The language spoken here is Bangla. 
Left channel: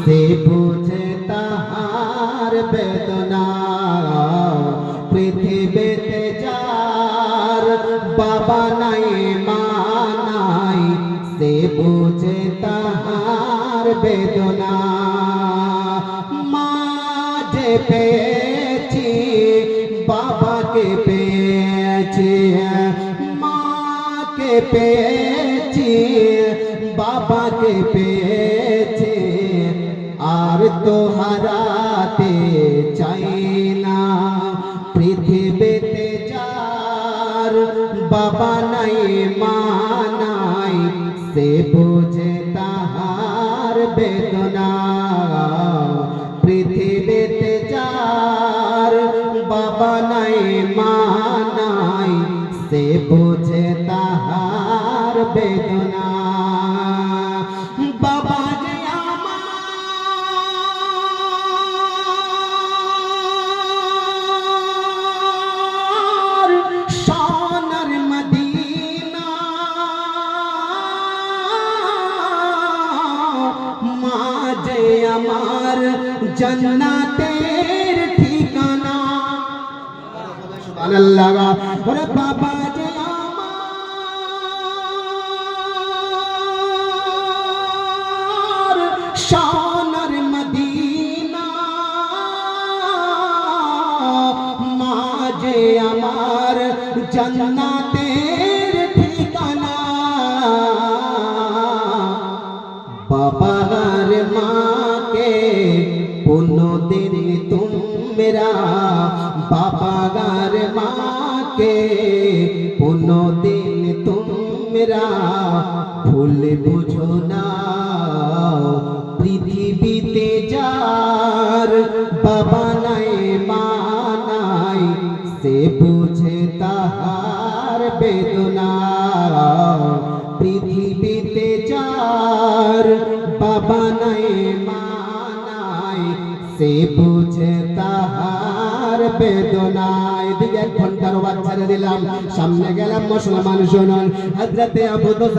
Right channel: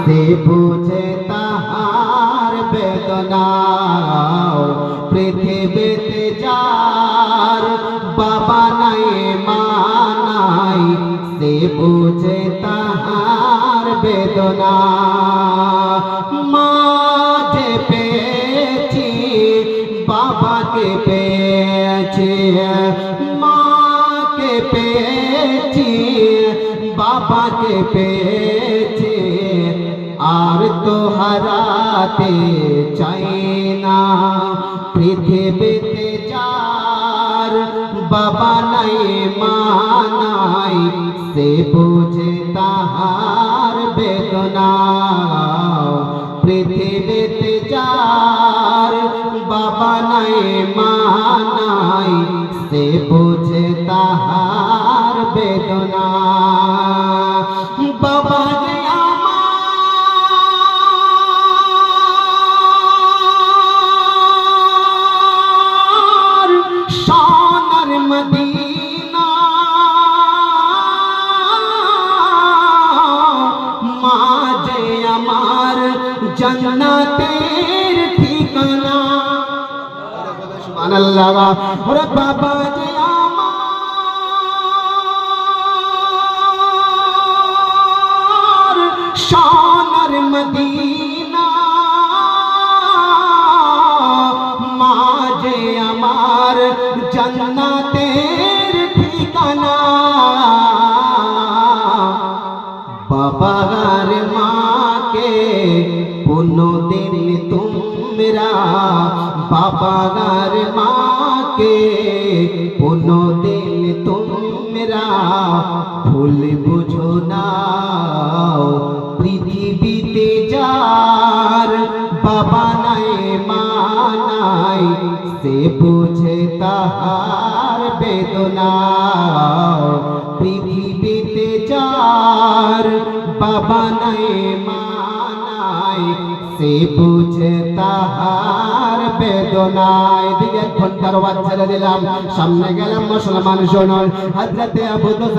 সে বুঝে তাহার বেদনা পৃথিবীতে যার বাবা নাই মা নাই সে বুঝে তাহার বেদনা মা যে পেয়েছি বাবাকে পেয়েছি মাকে পেয়েছি বাবাকে পেয়েছি আর তো হারাতে চাই না পৃথিবীতে যার বাবা নাই মা নাই সে বোঝে তাহার বেদনা পৃথিবীতে যার বাবা নাই মা নাই সে বোঝে তাহার বেদনা বাবা যে আমার সোনার মদিনা মা যে আমার জান্নাতের ঠিকানা সুবহানাল্লাহ ওরে বাবা যে আমার সোনার মদিনা মা যে আমার জান্নাতের ঠিকানা বাবার মাকে কোনদিন তোমরা বাবার মাকে কোনদিন তোমরা ভুল বুঝো না পৃথিবীতে যার বাবা নাই মা নাই সে বুঝে তাহার বেদনা পৃথিবীতে যার বাবা নাই মা নাই সে বুঝে তাহার বেদনা এদিকে ঘন্টার বাদ ছেড়ে দিলাম সামনে গেলাম মুসলমান শুনুন হযরতে আবু